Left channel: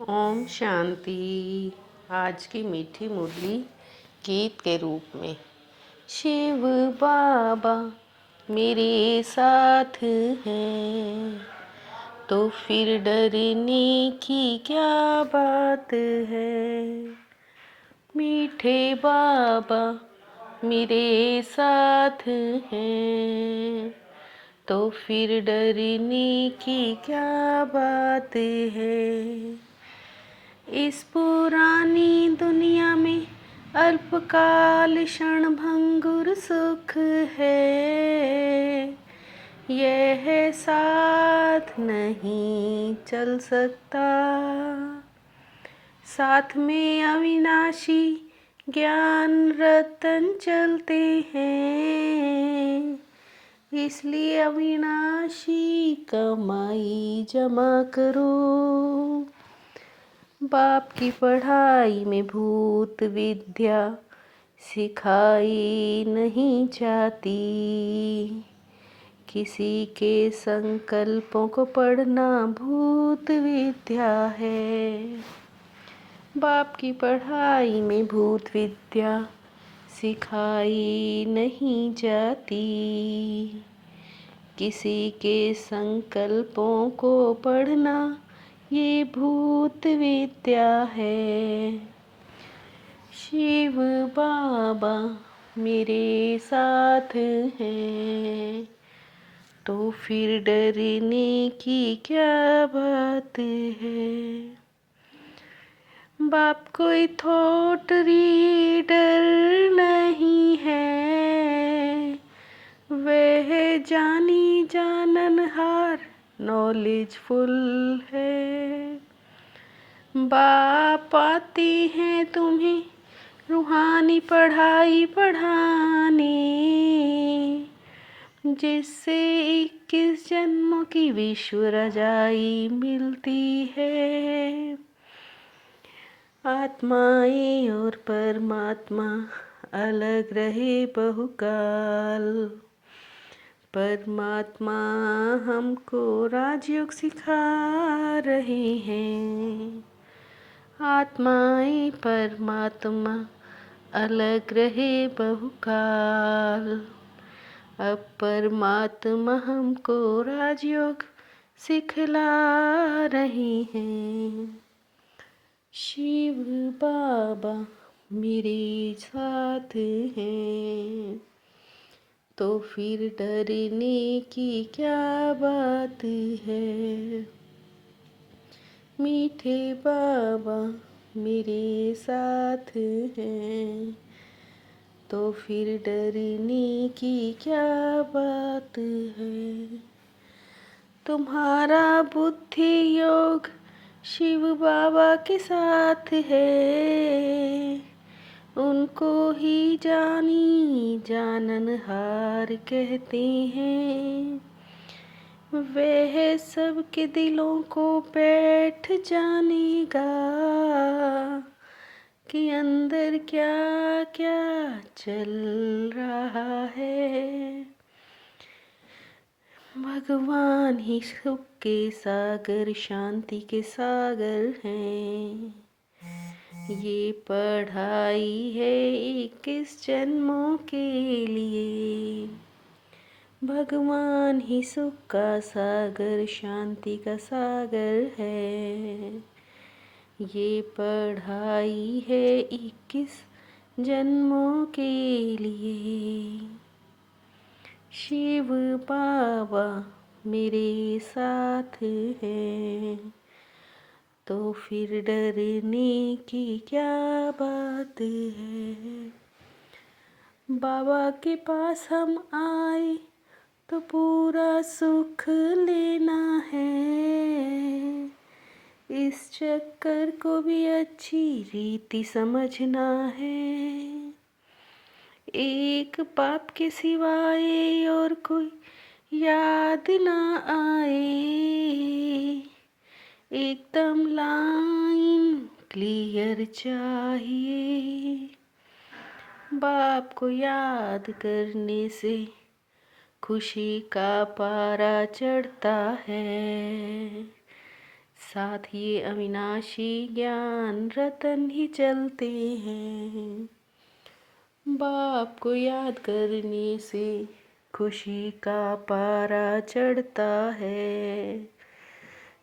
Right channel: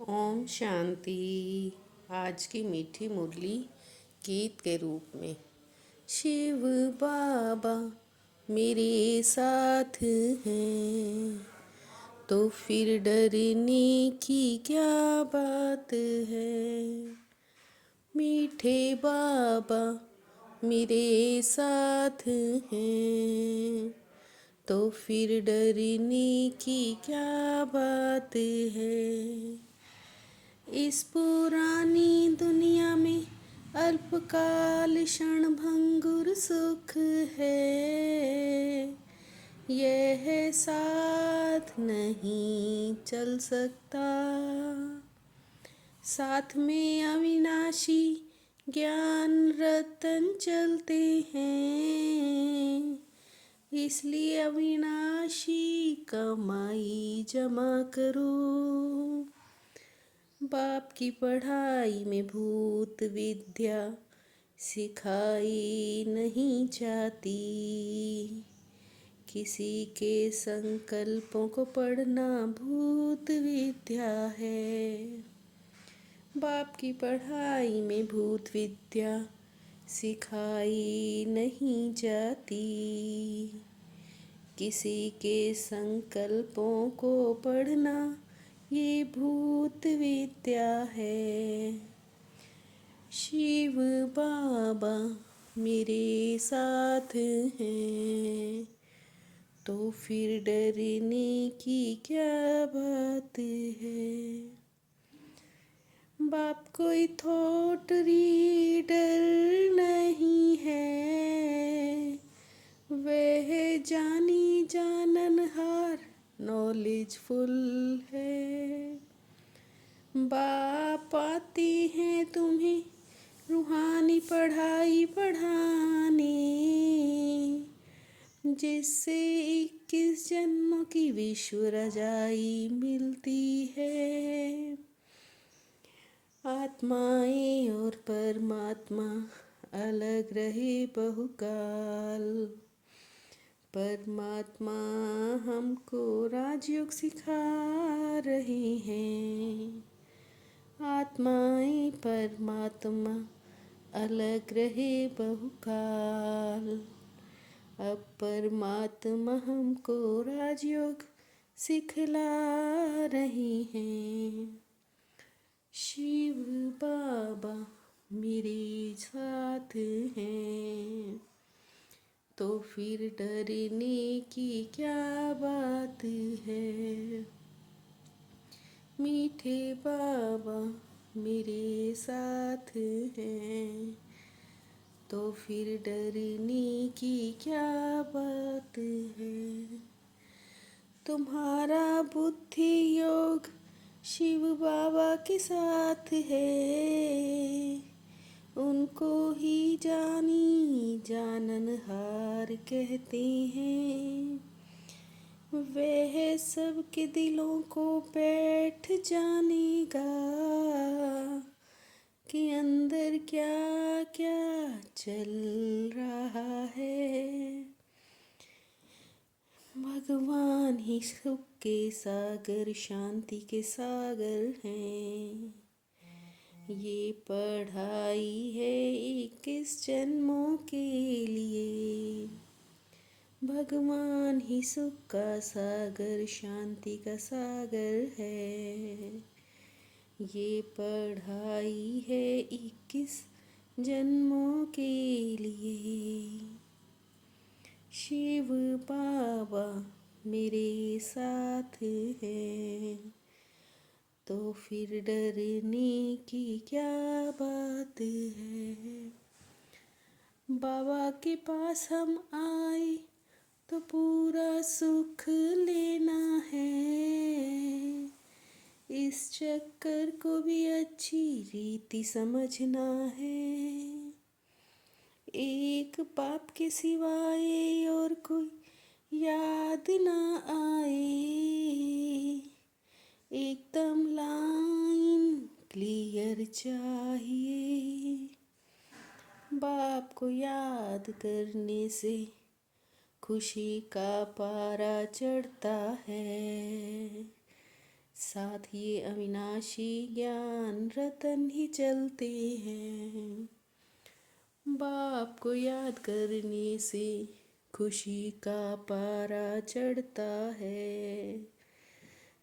ओम शांति। आज की मीठी मुरली गीत के रूप में। शिव बाबा मेरे साथ हैं तो फिर डरने की क्या बात है। मीठे बाबा मेरे साथ हैं तो फिर डरने की क्या बात है। इस पुरानी दुनिया में अल्पकाल क्षण भंगुर सुख है। यह साथ नहीं चल सकता। साथ में अविनाशी ज्ञान रतन चलते हैं। इसलिए अविनाशी कमाई जमा करो। बाप की पढ़ाई में भूत विद्या सिखाई नहीं जाती। किसी के संकल्पों को पढ़ना भूत विद्या है। बाप की पढ़ाई में भूत विद्या सिखाई नहीं जाती। किसी के संकल्पों को पढ़ना ये भूत विद्या है। शिव बाबा मेरे साथ हैं तो फिर डरने की क्या बात है। बाप कोई थॉट रीडर नहीं है। वह जानी जाननहार नॉलेजफुल है। बाप आते हैं तुम्हें रूहानी पढ़ाई पढ़ाने, जिससे 21 जन्मों की विश्व रजाई मिलती है। आत्माएं और परमात्मा अलग रहे बहुकाल। परमात्मा हमको राजयोग सिखा रहे हैं। आत्माएं परमात्मा अलग रहे बहुकाल। अब परमात्मा हमको राजयोग सिखला रहे हैं। शिव बाबा मेरे साथ हैं तो फिर डरने की क्या बात है। मीठे बाबा मेरे साथ हैं तो फिर डरने की क्या बात है। तुम्हारा बुद्धि योग शिव बाबा के साथ है। उनको ही जानी जाननहार कहते हैं। वह सबके दिलों को बैठ जानेगा कि अंदर क्या क्या चल रहा है। भगवान ही सुख के सागर शांति के सागर हैं। ये पढ़ाई है 21 जन्मों के लिए। भगवान ही सुख का सागर शांति का सागर है। ये पढ़ाई है 21 जन्मों के लिए। शिव बाबा मेरे साथ हैं तो फिर डरने की क्या बात है। बाबा के पास हम आए तो पूरा सुख लेना है। इस चक्कर को भी अच्छी रीति समझना है। एक बाप के सिवाय और कोई याद ना आए। एकदम लाइन क्लियर चाहिए। बाप को याद करने से खुशी का पारा चढ़ता है। साथ ये अविनाशी ज्ञान रतन ही चलते हैं। बाप को याद करने से खुशी का पारा चढ़ता है।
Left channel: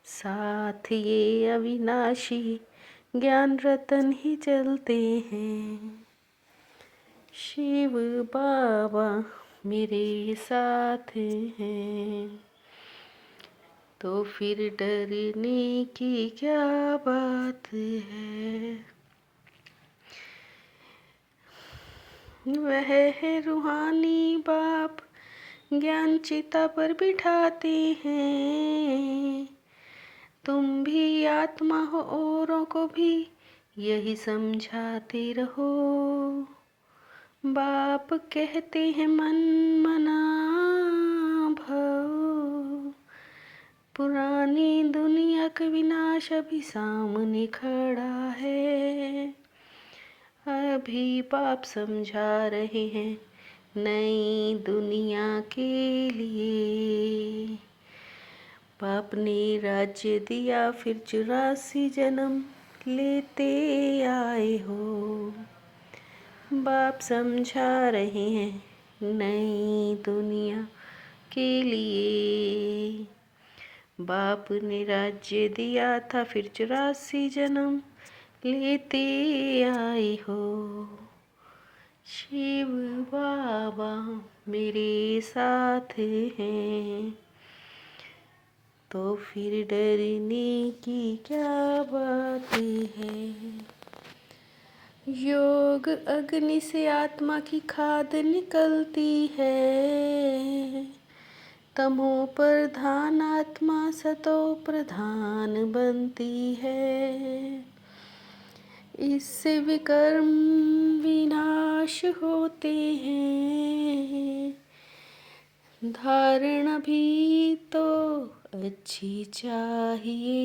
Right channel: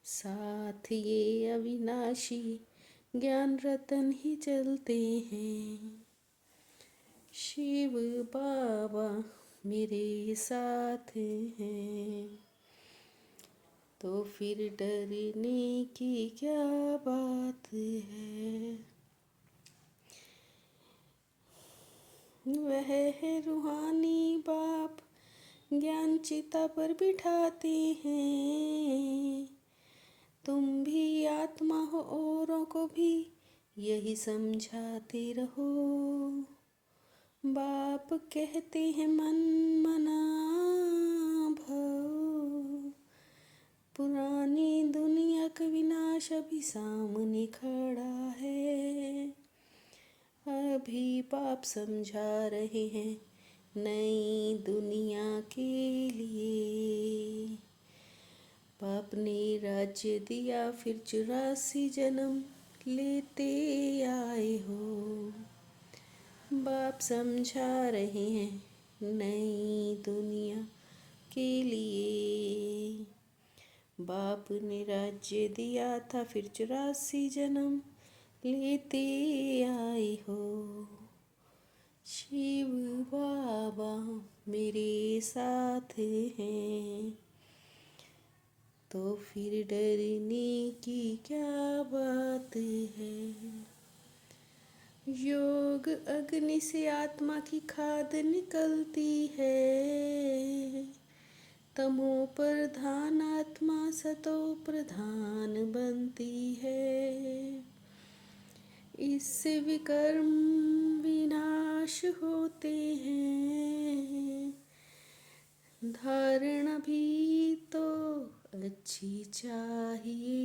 साथ ये अविनाशी ज्ञान रतन ही चलते हैं। शिव बाबा मेरे साथ हैं, तो फिर डरने की क्या बात है। वह है रूहानी बाप, ज्ञान चिता पर बिठाते हैं। तुम भी आत्मा हो, औरों को भी यही समझाते रहो। बाप कहते हैं मन मना भव, पुरानी दुनिया का विनाश अभी सामने खड़ा है। अभी बाप समझा रहे हैं नई दुनिया के लिए। बाप ने राज्य दिया, फिर 84 जन्म लेते आए हो। बाप समझा रहे हैं नई दुनिया के लिए। बाप ने राज्य दिया था, फिर 84 जन्म लेते आए हो। शिव बाबा मेरे साथ हैं, तो फिर डरने की क्या बात है। योग अग्नि से आत्मा की खाद निकलती है। तमो प्रधान आत्मा सतो प्रधान बनती है। इससे विकर्म विनाश होते हैं। धारणा भी तो अच्छी चाहिए।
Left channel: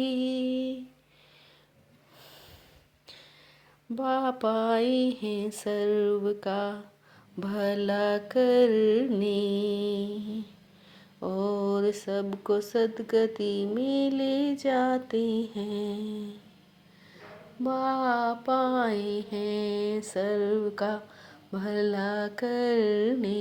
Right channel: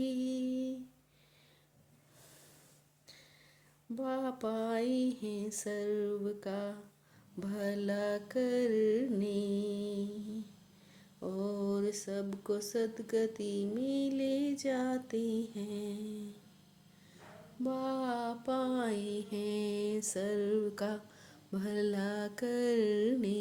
बाप आए हैं सर्व का भला करने, और सबको सदगति में ले जाते हैं। बाप आए हैं सर्व का भला करने,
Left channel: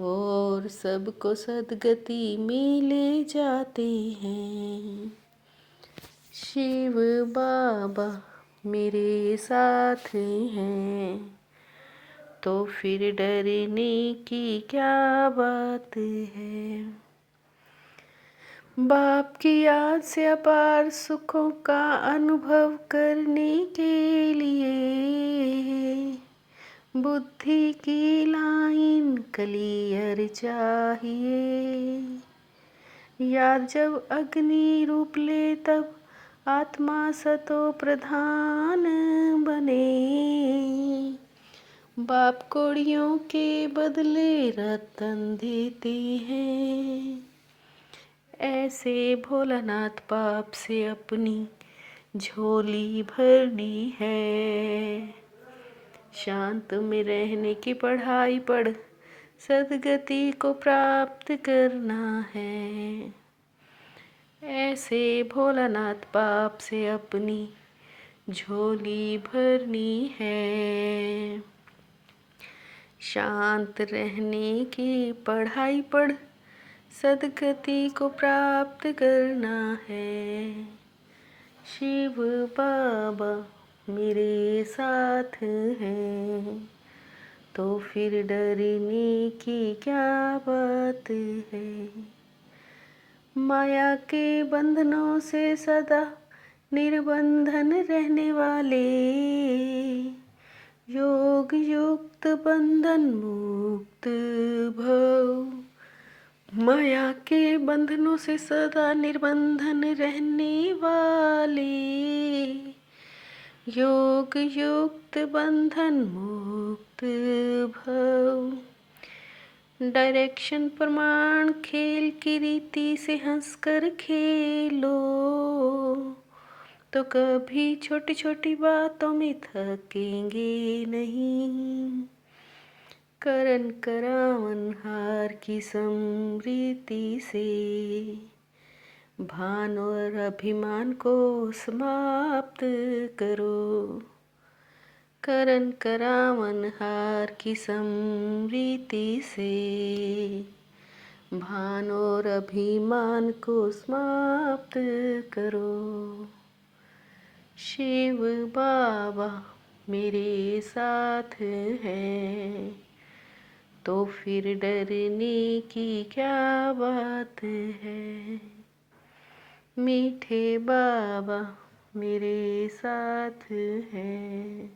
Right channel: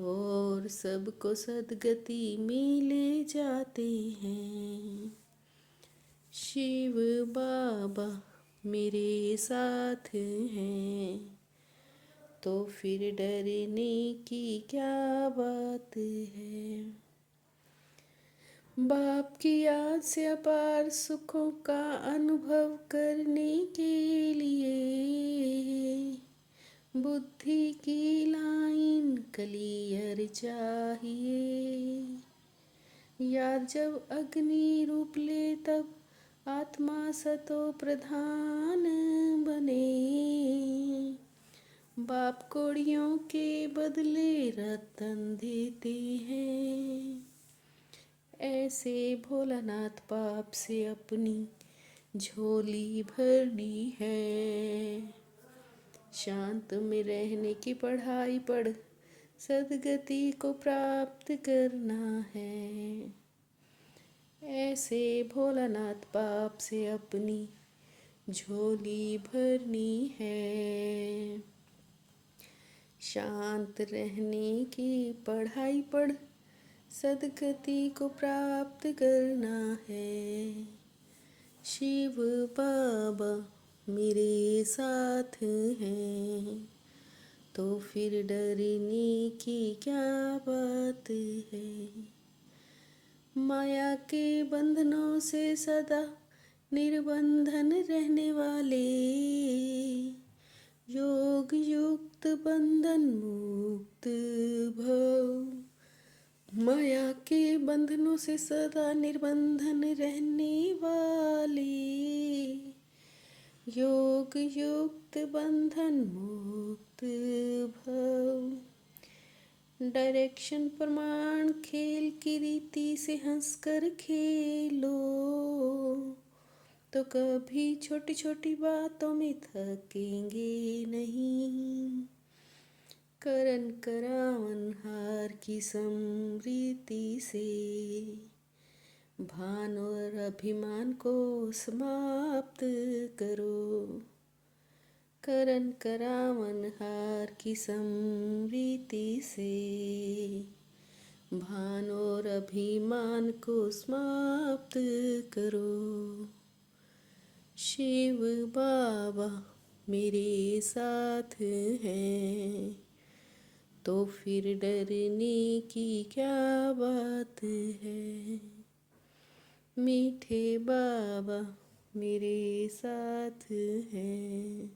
और सबको सदगति में ले जाते हैं। शिव बाबा मेरे साथ हैं, तो फिर डरने की क्या बात है। बाप की याद से अपार सुखों का अनुभव करने के लिए बुद्धि की लाइन क्लियर चाहिए। याद जब अग्नि रूप ले, तब आत्मा सतो प्रधान बने। बाप कोड़ियों के बदले रतन देते हैं। ऐसे भोलानाथ बाप से अपनी झोली भरनी है। शांत में रहने की पढ़ाई पढ़, सदगति को प्राप्त करना है। ऐसे भोलानाथ बाप से अपनी झोली भरनी है। शांत रहने की पढ़ाई पढ़, सदगति को प्राप्त करना है। शिव बाबा मेरे साथ हैं, तो फिर डरने की क्या बात है। माया के बंधनों से सदा निर्बंधन रहने वाले, योग युक्त बंधन मुक्त भव। माया के बंधनों से सदा निर्बंधन रहने वाले, योग युक्त बंधन मुक्त भव। डायरेक्शन प्रमाण खेल की रीति से हंसकर खेलो, तो कभी छोटी छोटी बातों में थकेंगे नहीं। करन करावन हार की समृद्धि से भान और अभिमान को समाप्त करो। करण करावन हार की समरीति से भान और अभिमान को समाप्त करो। शिव बाबा मेरे साथ हैं तो फिर डरने की क्या बात है। मीठे बाबा मेरे साथ हैं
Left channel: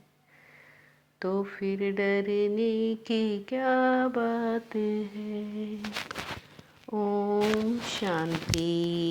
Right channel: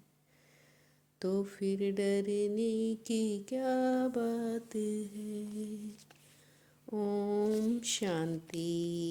तो फिर डरने की क्या बात है। ओम शांति।